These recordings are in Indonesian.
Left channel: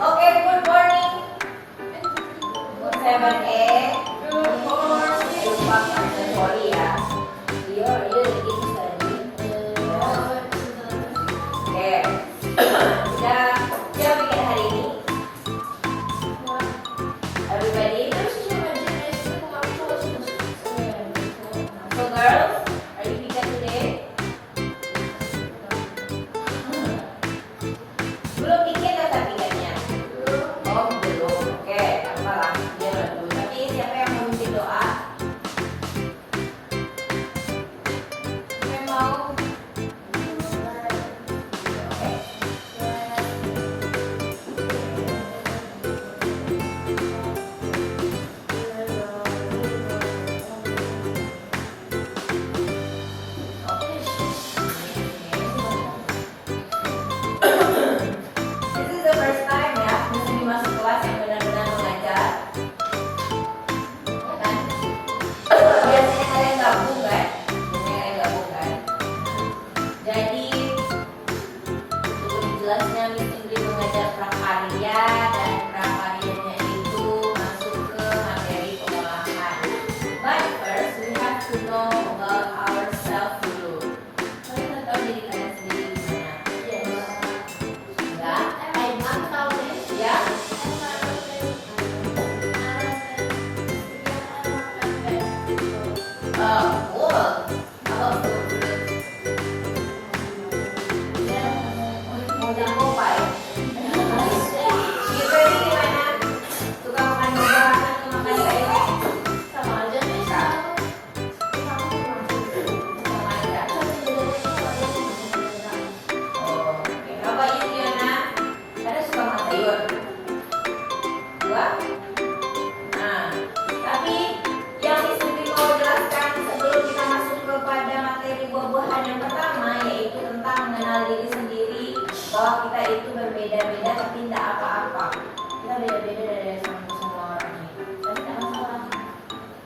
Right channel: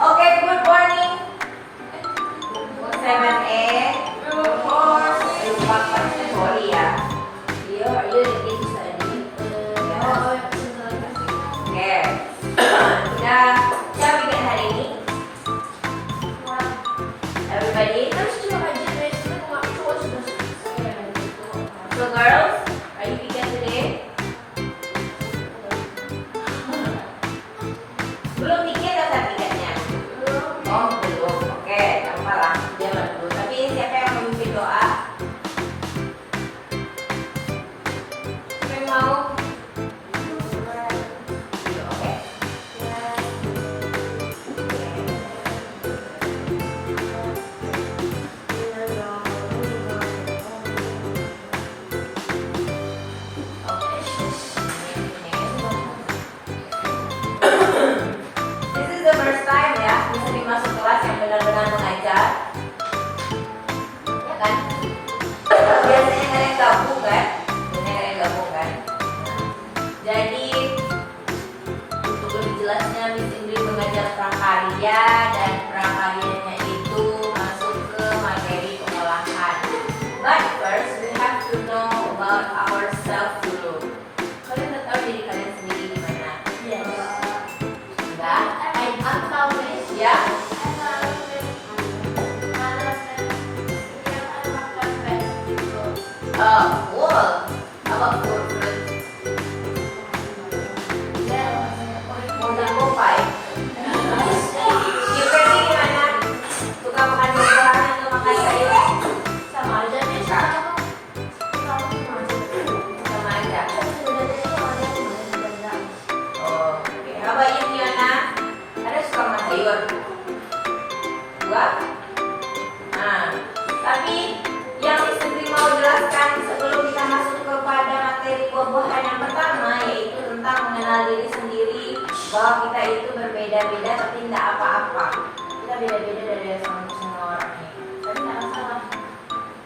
Oke, good morning. 7A. Good morning. Sorry ya. Are you ready to study? Oke. Sudah siap bikin hari ini? Everybody? So girls, are you vegan today? Belum bikin ya saat vegannya? Oh belum, oke, apalah dia baru. Tapi siapa yang mau bikin doa? Siapa yang mau? Oke. This is the first time ya, Miss masuk kelas yang benar-benar mengajar. Ya kan? Biasanya kalian gabung kan? Jadi untuk lebih jelasnya Miss Indri mengajar prakarya dan prakaryanya itu masuk ke materi pengolahan. But first we have to know about ourselves dulu. Kalian udah tahu diri kalian sendiri gimana? Enggak? Ya? Cool. How about food? Mau jadi Popeye? Gimana gimana? Suka makan buah atau makan sayur? Sama aja nih. Sama aja. Oh, oke. How about you, Fiona? Ada suka makan sayur? Buah? Nah, tapi yang Miss mau jelaskan sebelum kita masuk kepada materi buah-buahan yang pertama, yaitu tentang mengenal diri sendiri, bahwa kita itu berbeda-beda tapi tidak apa-apa. Kita beda-beda dari semua orang ini. Tapi tidak masalah.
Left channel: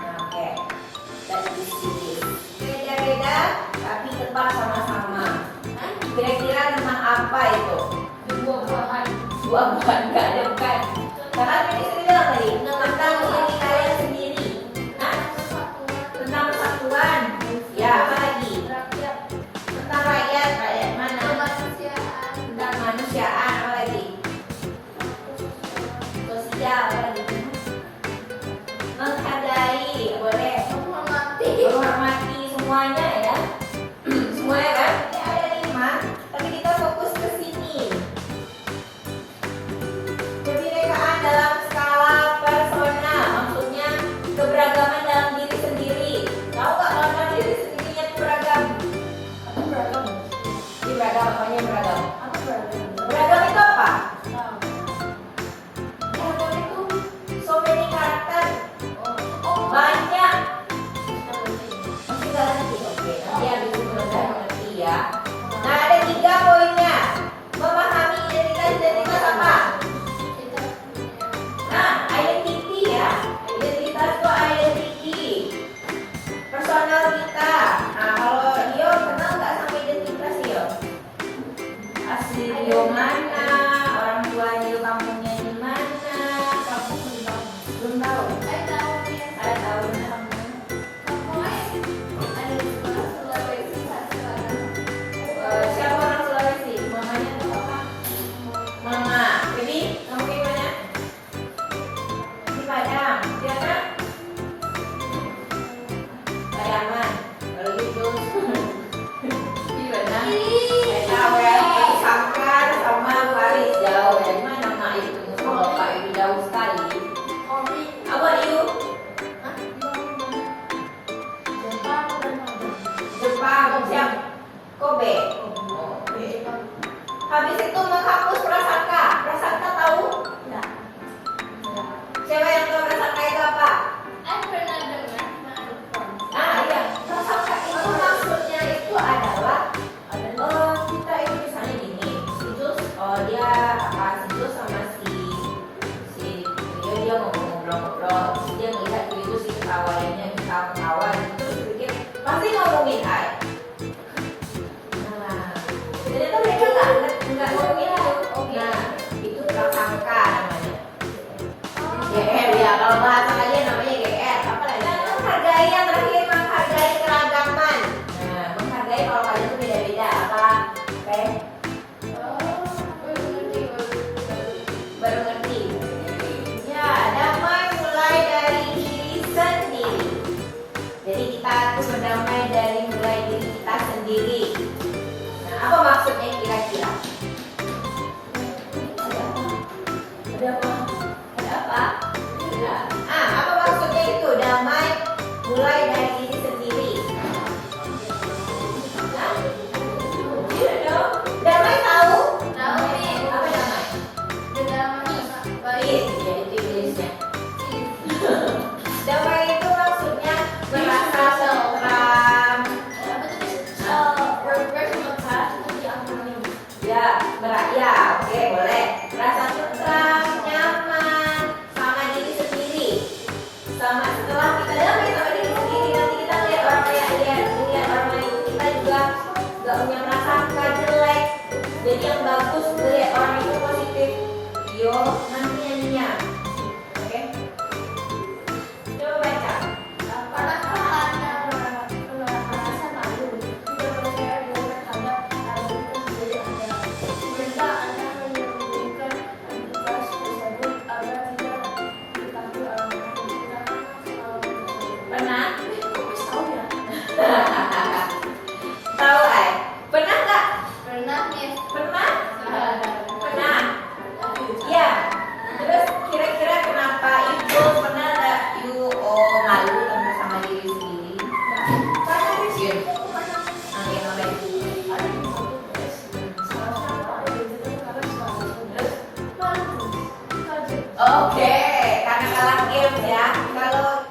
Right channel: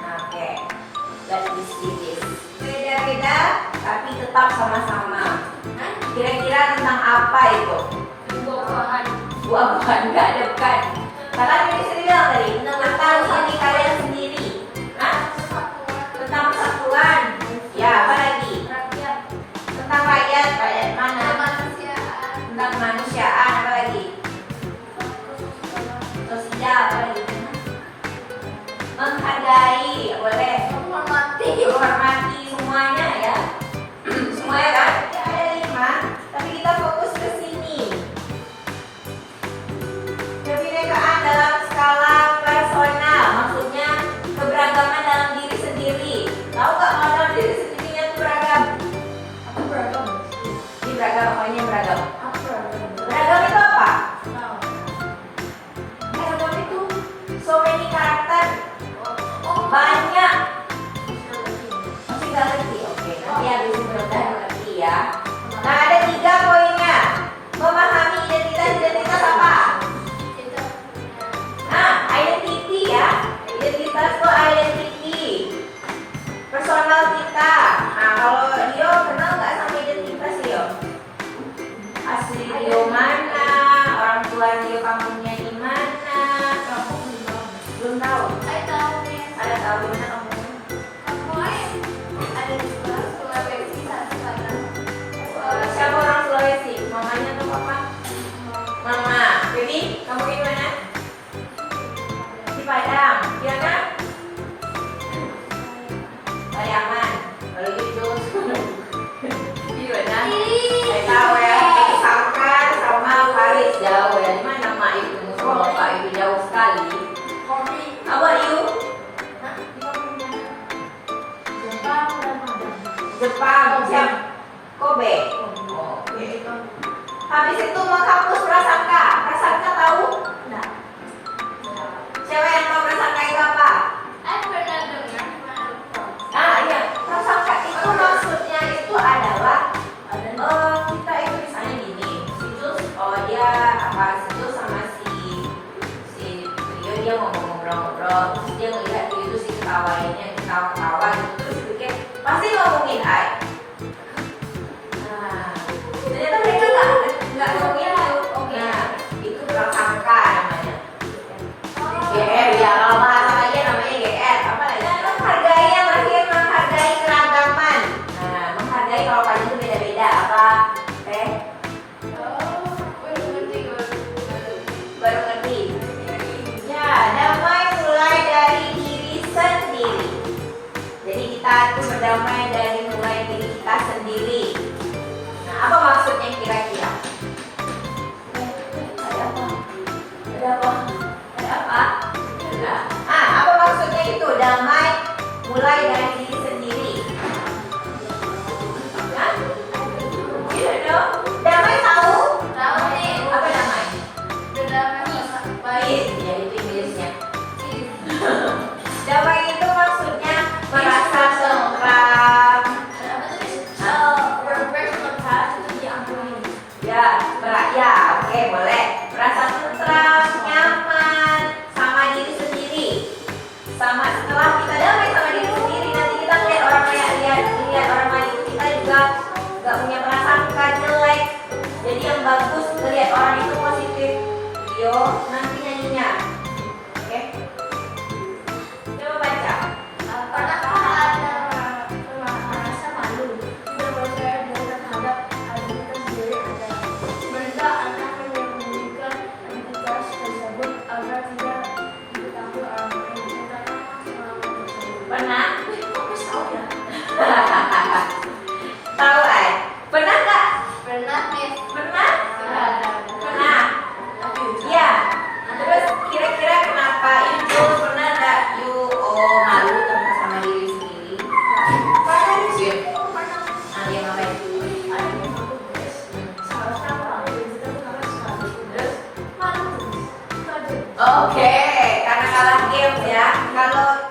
Nah, oke. Let's see this. Beda-beda tapi tetap sama-sama. Kira-kira tentang apa itu? Buah-buahan. Buah-buahan, nggak ada bukan. Karena ini sendiri bilang tadi, tentang diri kalian sendiri. Hah? Tentang persatuan. Ya, apa lagi? Tentang rakyat. Rakyat mana? Tentang kemanusiaan. Apa lagi? Sosial. Apa lagi? Menghargai. Boleh. Menghormati semuanya ya. Semuanya kan? Ya, ada 5. Tapi kita fokus ke sini. Kebinekaan dalam skala personal, maksudnya keberagaman dalam diri sendiri. Tahu nggak kalau dalam diri sendirinya itu beragam? Apa beragam? Ini beragam, apanya beragam? Apa beragam? Beragam itu apa? Beragam itu so many karakter. Banyak. Masih nggak ngerti? Oke, nanti habis itu udah ngerti ya. Nah, ada 3 poinnya. Memahami identitas apa? Nah, identity ya. Identitas itu identity. Personal kita. Nah, kalau Rio kenal nggak sama identitas Rio? Asli Rio mana? Orang tua Rio kampungnya di mana? Belum tahu. Ada tahu mana kampungnya? Siapa orang Sulawesi? Mamanya atau papa? Mama. Baby, kamu di mana? Di Padang, ya kan? Padangan. Kalau gitu, di mana? Saya tahu ya. Sangka sama Paris jauh ya. Di mana mak itu? Sama bapak itu jauh sekali. How about you? Jepang, siap. Kobe. Oke. Habis itu menghapus prasangka. Prasangka tahu? Enggak. Siapa yang tahu prasangka itu apa? Nah, iya. Prasangka itu maksudnya itu adalah kita itu misalnya gini. Situs, dia apa? Situs sama si dia ngobrol-ngobrol. Terus dia ngelihat itu si ketawainnya ketawa-ketawa gitu. Terus pikir pasti ngomongin I. Nah, ternyata mereka nggak ngomongin itu. satu berdamai dari mulai diri kita sendiri. Nah, apa maksudnya kira-kira? Ada apa? Ada apa? Ada apa? Apa maksudnya itu? Damai mulai dari diri sendiri. Hah? You know? Damai tahu? Tahu nih. Apa damai? Berdamai. Baik, jadi itu Inggrisnya. Damai itu maksudnya merasa tentram. Ya, oke, boleh. Merasa tentram, nyaman sama diri sendiri. Sama setelah kita damai sama diri sendiri, nanti kita lihat orang kayak lihat orang lain, kita juga nggak punya prasangka jelek. Jadi yang bagus lihat orang itu positif. Yo, nanti nyanyinya. Oke. Coba baca. Pernahkah Anda merasa malu, tidak percaya diri terhadap identitas diri Anda? Sehingga Anda menyembunyikan identitas tersebut agar tidak diketahui orang lain. Pernah? Kok bisa tahu ya? Tahu ay? Pernah nggak? Pernah nih. Pernah? Ya. Pernah. Iya. Terus kira-kira kenapa ibu pernah nggak malu sama diri sendiri? Pernah sih. Yang namanya Oke, karena kalah game ya. Kalau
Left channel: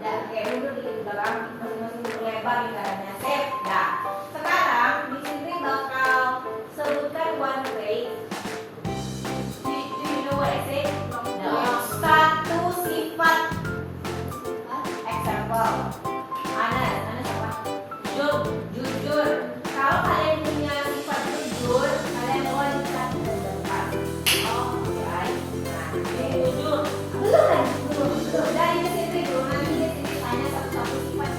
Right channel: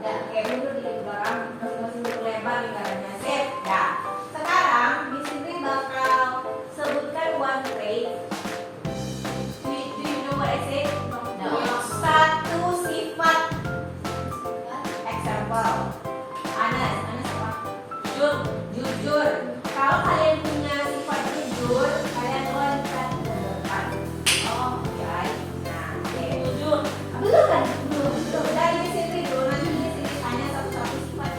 dan kayak dulu di belakang mesin lebar lingkarannya sip. Nah, sekarang di sini bakal sebutkan one trait. Do you know what I say? No. Satu sifat. Example. Anas apa? Jujur. Kalau kalian punya sifat jujur, kalian boleh dikatakan. Oh, right. Nah, oke, jujur. Belum kan? Belum. Dari sini dulu nanti di sini tanya satu-satu sifat.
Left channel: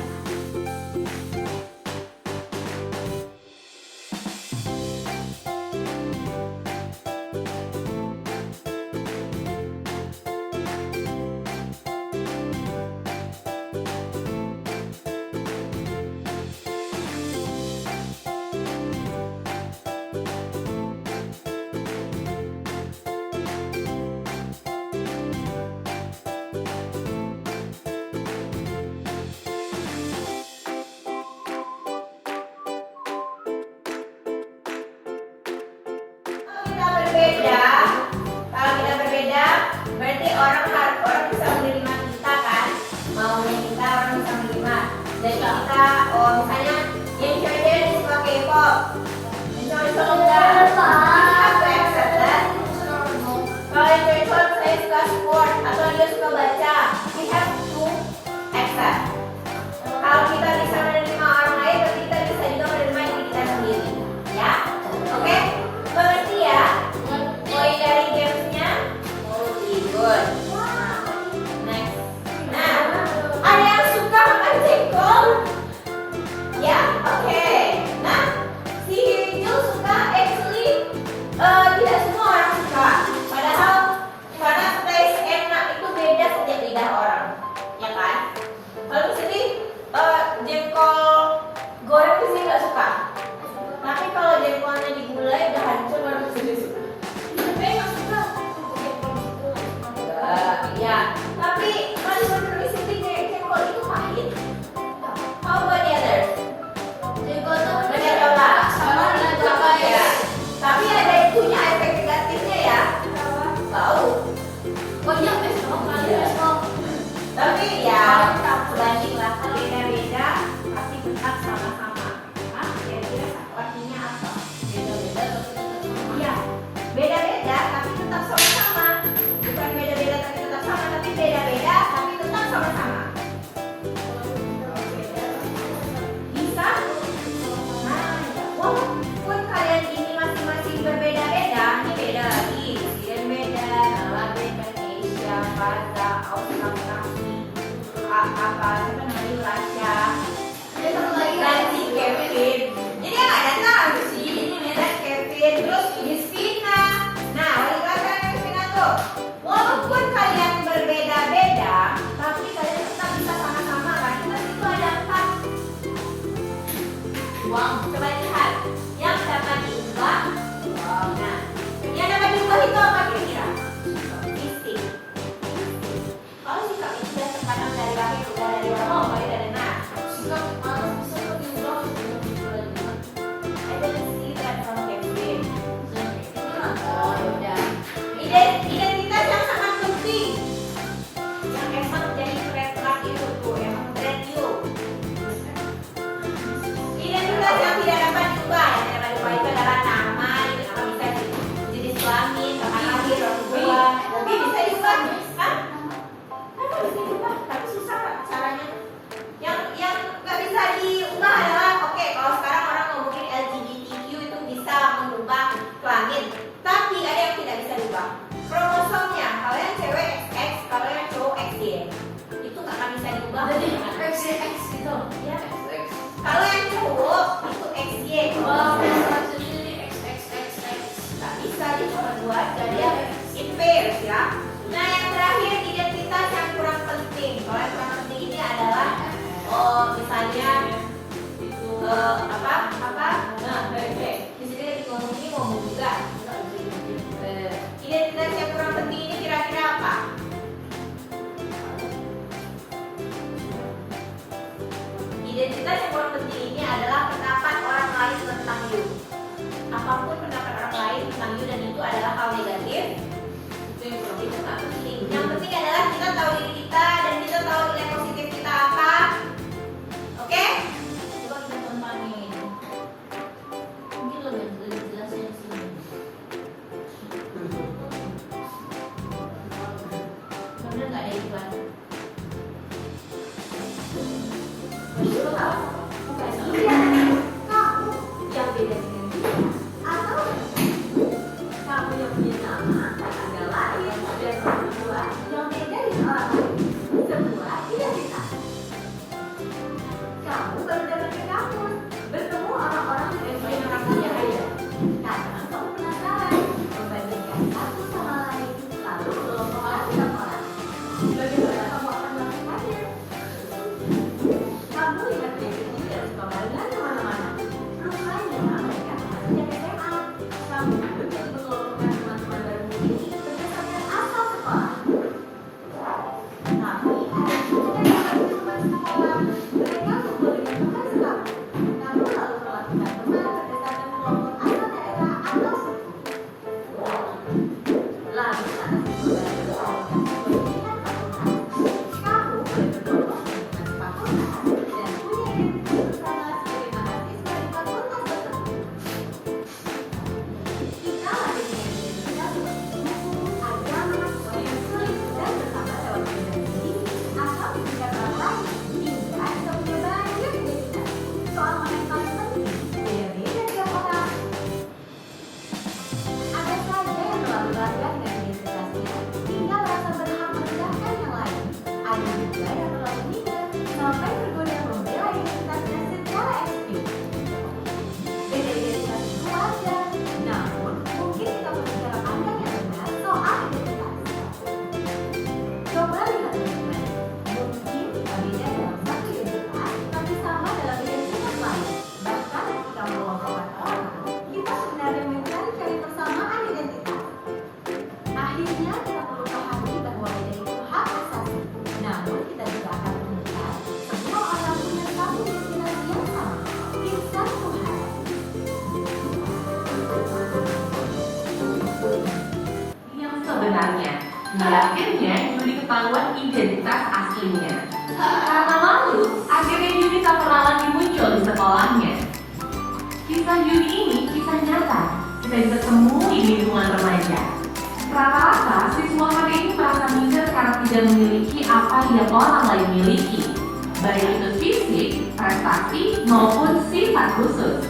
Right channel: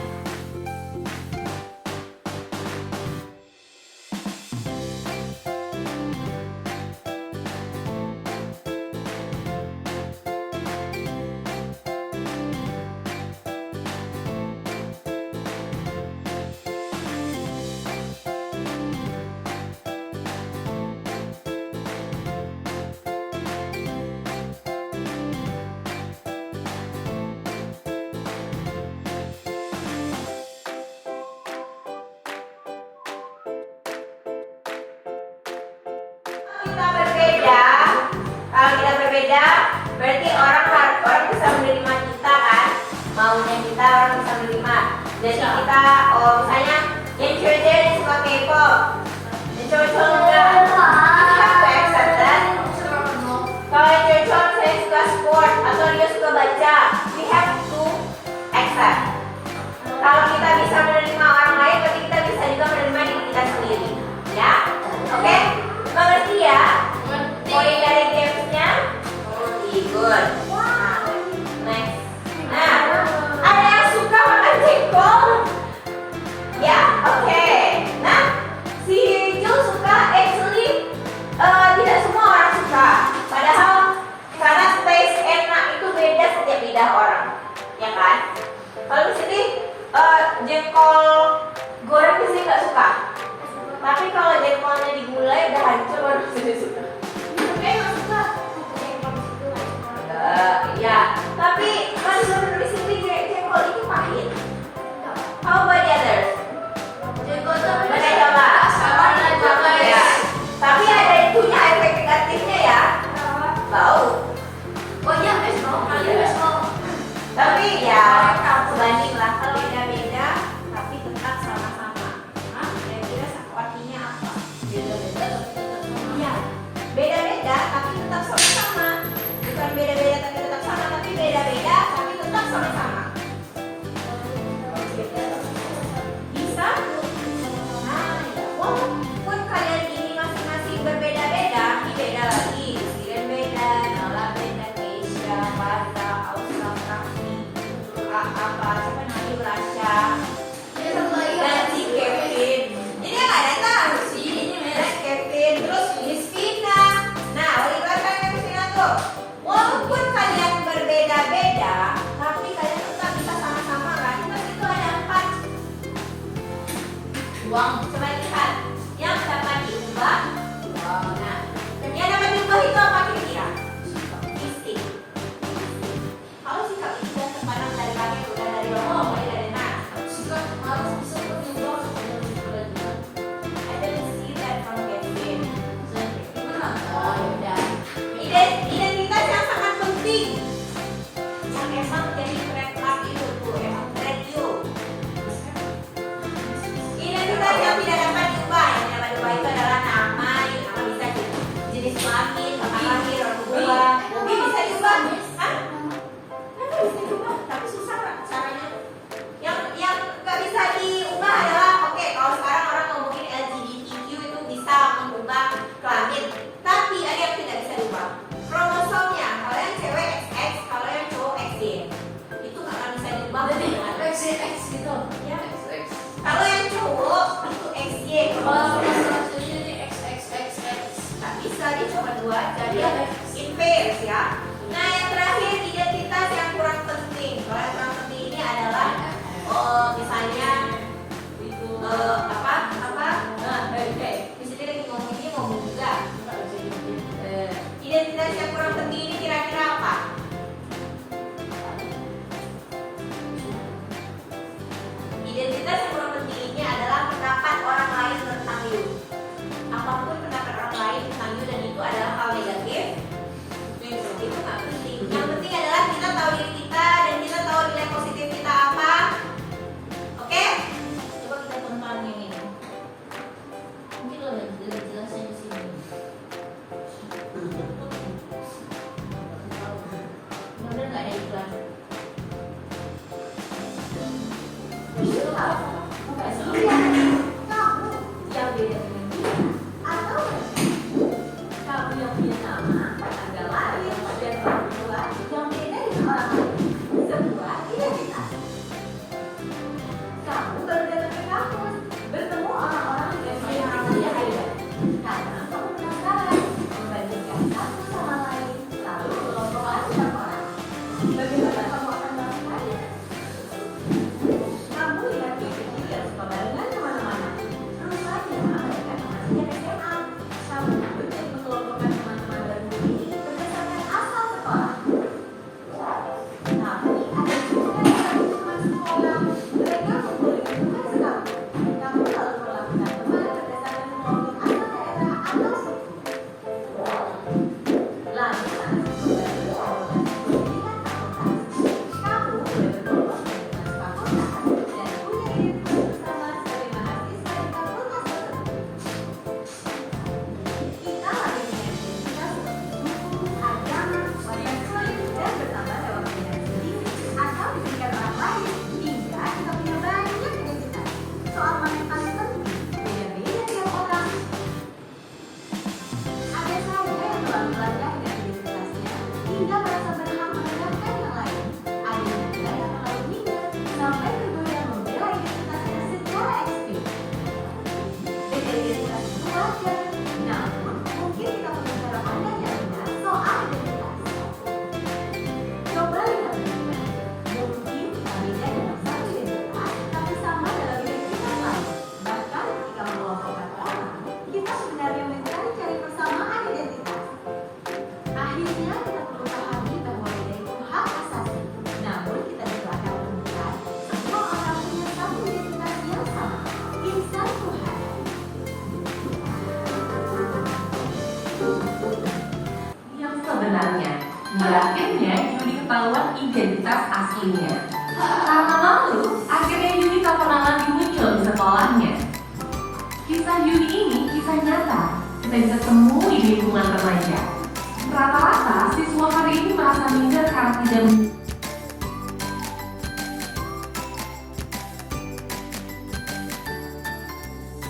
Y. Kalau presentasi ini XXXX. Tak bisa, dia cuma dua, jadi impairs ya. Nah, yang terakhir identitas yang kurang penting. Kalau yang kurang penting ini adalah misalnya di sini lagi ngomong ini mau buka. Identitas yang kurang penting ini kira-kira apa? Identitas yang kurang penting ini adalah pendapat orang lain tentang you. Apapun pendapat orang lain tentang you dan itu adalah hal negatif, itu nggak penting. Yang penting adalah kita tahu diri kita dan kita tahu nilai positif kita apa. Oke? Coba kita tonton ini. Mungkin lebih jelasnya di sini. Bener nggak ada iklan? Yang beda dengan dia atau kamu yang punya nama adalah yang kedua yang beda dengan orang lain, sebuah identitas. Kamu baru datang ke kampus, bertemu orang-orang yang punya namanya ada, karena kamu penasaran membandingkan satu sama lain, lalu kelompokkan setiap orang. Bagaimana kamu akan melakukannya? Kamu lihat itu dan suka barengan kemana-mana. Rupanya mereka masih SMA. Kamu benar mengelompokkan teman-teman baru ini berdasarkan asal sekolah. Tapi ada juga yang harus teman sekolah. Mereka memilih bukan sekampung. Kamu lalu melakukan teman berdasarkan kelompok asal daerah atau suku. Lalu ada sebuah baru pemilihan fakultas. Kamu boleh berkelompok dengan fakultas dan punya identitas bersama sebagai mahasiswa di fakultas tersebut. Kita lagi dengan identitas suku, agama, warna kulit, dan bertambah lewat perbedaan sendiri atau tingkat orang lain hingga kita punya banyak identitas. Soal mana yang paling penting, beda-beda tiap orang. Ada saja yang terlalu bangga dengan identitasnya hingga merasa berhak merendahkan yang lain. Ada juga yang terlalu minder sampai tergoda membela identitasnya secara ekstrim. Beda identitas itu wajar, namun mungkin kita perlu cara pandang yang benar soal identitas. Coba lihat baik-baik. Mungkin kita beda dalam satu identitas, tapi sama dalam identitas lain. Bahkan ketika mengelompokkan orang, kita sebenarnya mencari persamaan identitas. Akhirnya kita perlu pahami bahwa beda itu hak asasi. Namun kita juga akan menemukan semua orang punya satu identitas yang sama. Insan Tuhan. Yang sebenarnya, akhirnya Yudi ketahuan identitas aslinya. Karena lalu, akhirnya Yudi tak pernah lagi muncul di sekolahnya. Kisah Yudi ini kisah nyata, kita bisa temui di lingkungan remaja. Rata-rata, siswa hari ini merasa minder karena tidak memiliki apa yang orang lain miliki, baik itu fisik, prestasi, maupun sifat khusus.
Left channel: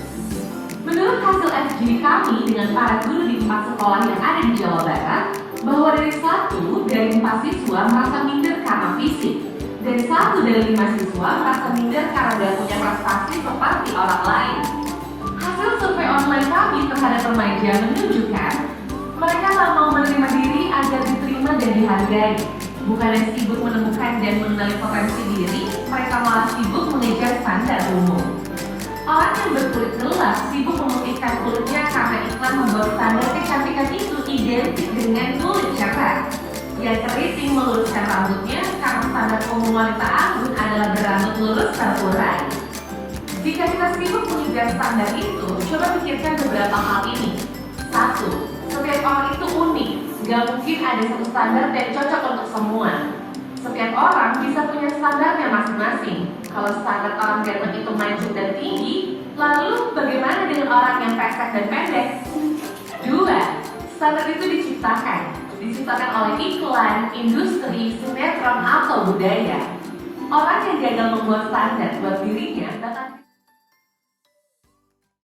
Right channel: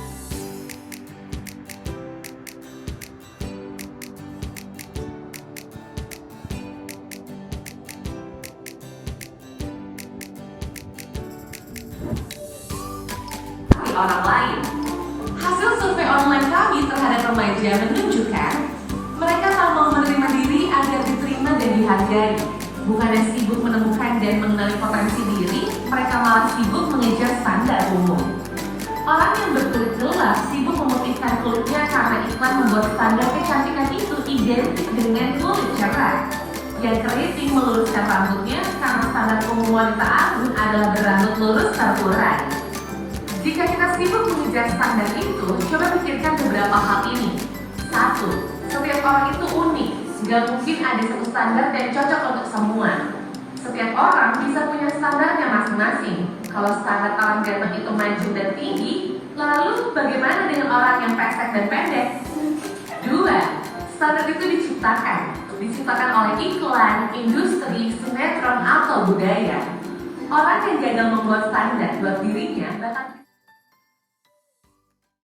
Menurut hasil FGD kami dengan para guru di 4 sekolah yang ada di Jawa Barat, bahwa dari 1 dari 4 siswa merasa minder karena fisik, dan 1 dari 5 siswa merasa minder karena tidak punya prestasi seperti orang lain. Hasil survei online kami terhadap remaja menunjukkan mereka tak mau menerima diri agar diterima dan dihargai. Bukannya sibuk menemukan dan mengenali potensi diri, mereka malah sibuk mengejar standar umum. Orang yang berkulit gelap sibuk memutihkan kulitnya karena iklan membuat standar kecantikan itu identik dengan kulit cerah. Yang keriting meluruskan rambutnya karena standar umum wanita anggun adalah berambut lurus terurai. Jika kita sibuk mengejar standar itu, coba pikirkan beberapa hal ini. 1. Setiap orang itu unik, gak mungkin ada satu standar dan cocok untuk semua. Setiap orang bisa punya standarnya masing-masing. Kalau standar orang ganteng itu maju dan tinggi, lalu bagaimana dengan orang yang pesek dan pendek? 2. Standar itu diciptakan oleh iklan, industri, sinetron, atau budaya. Orang yang gagal membuat standar buat dirinya bakal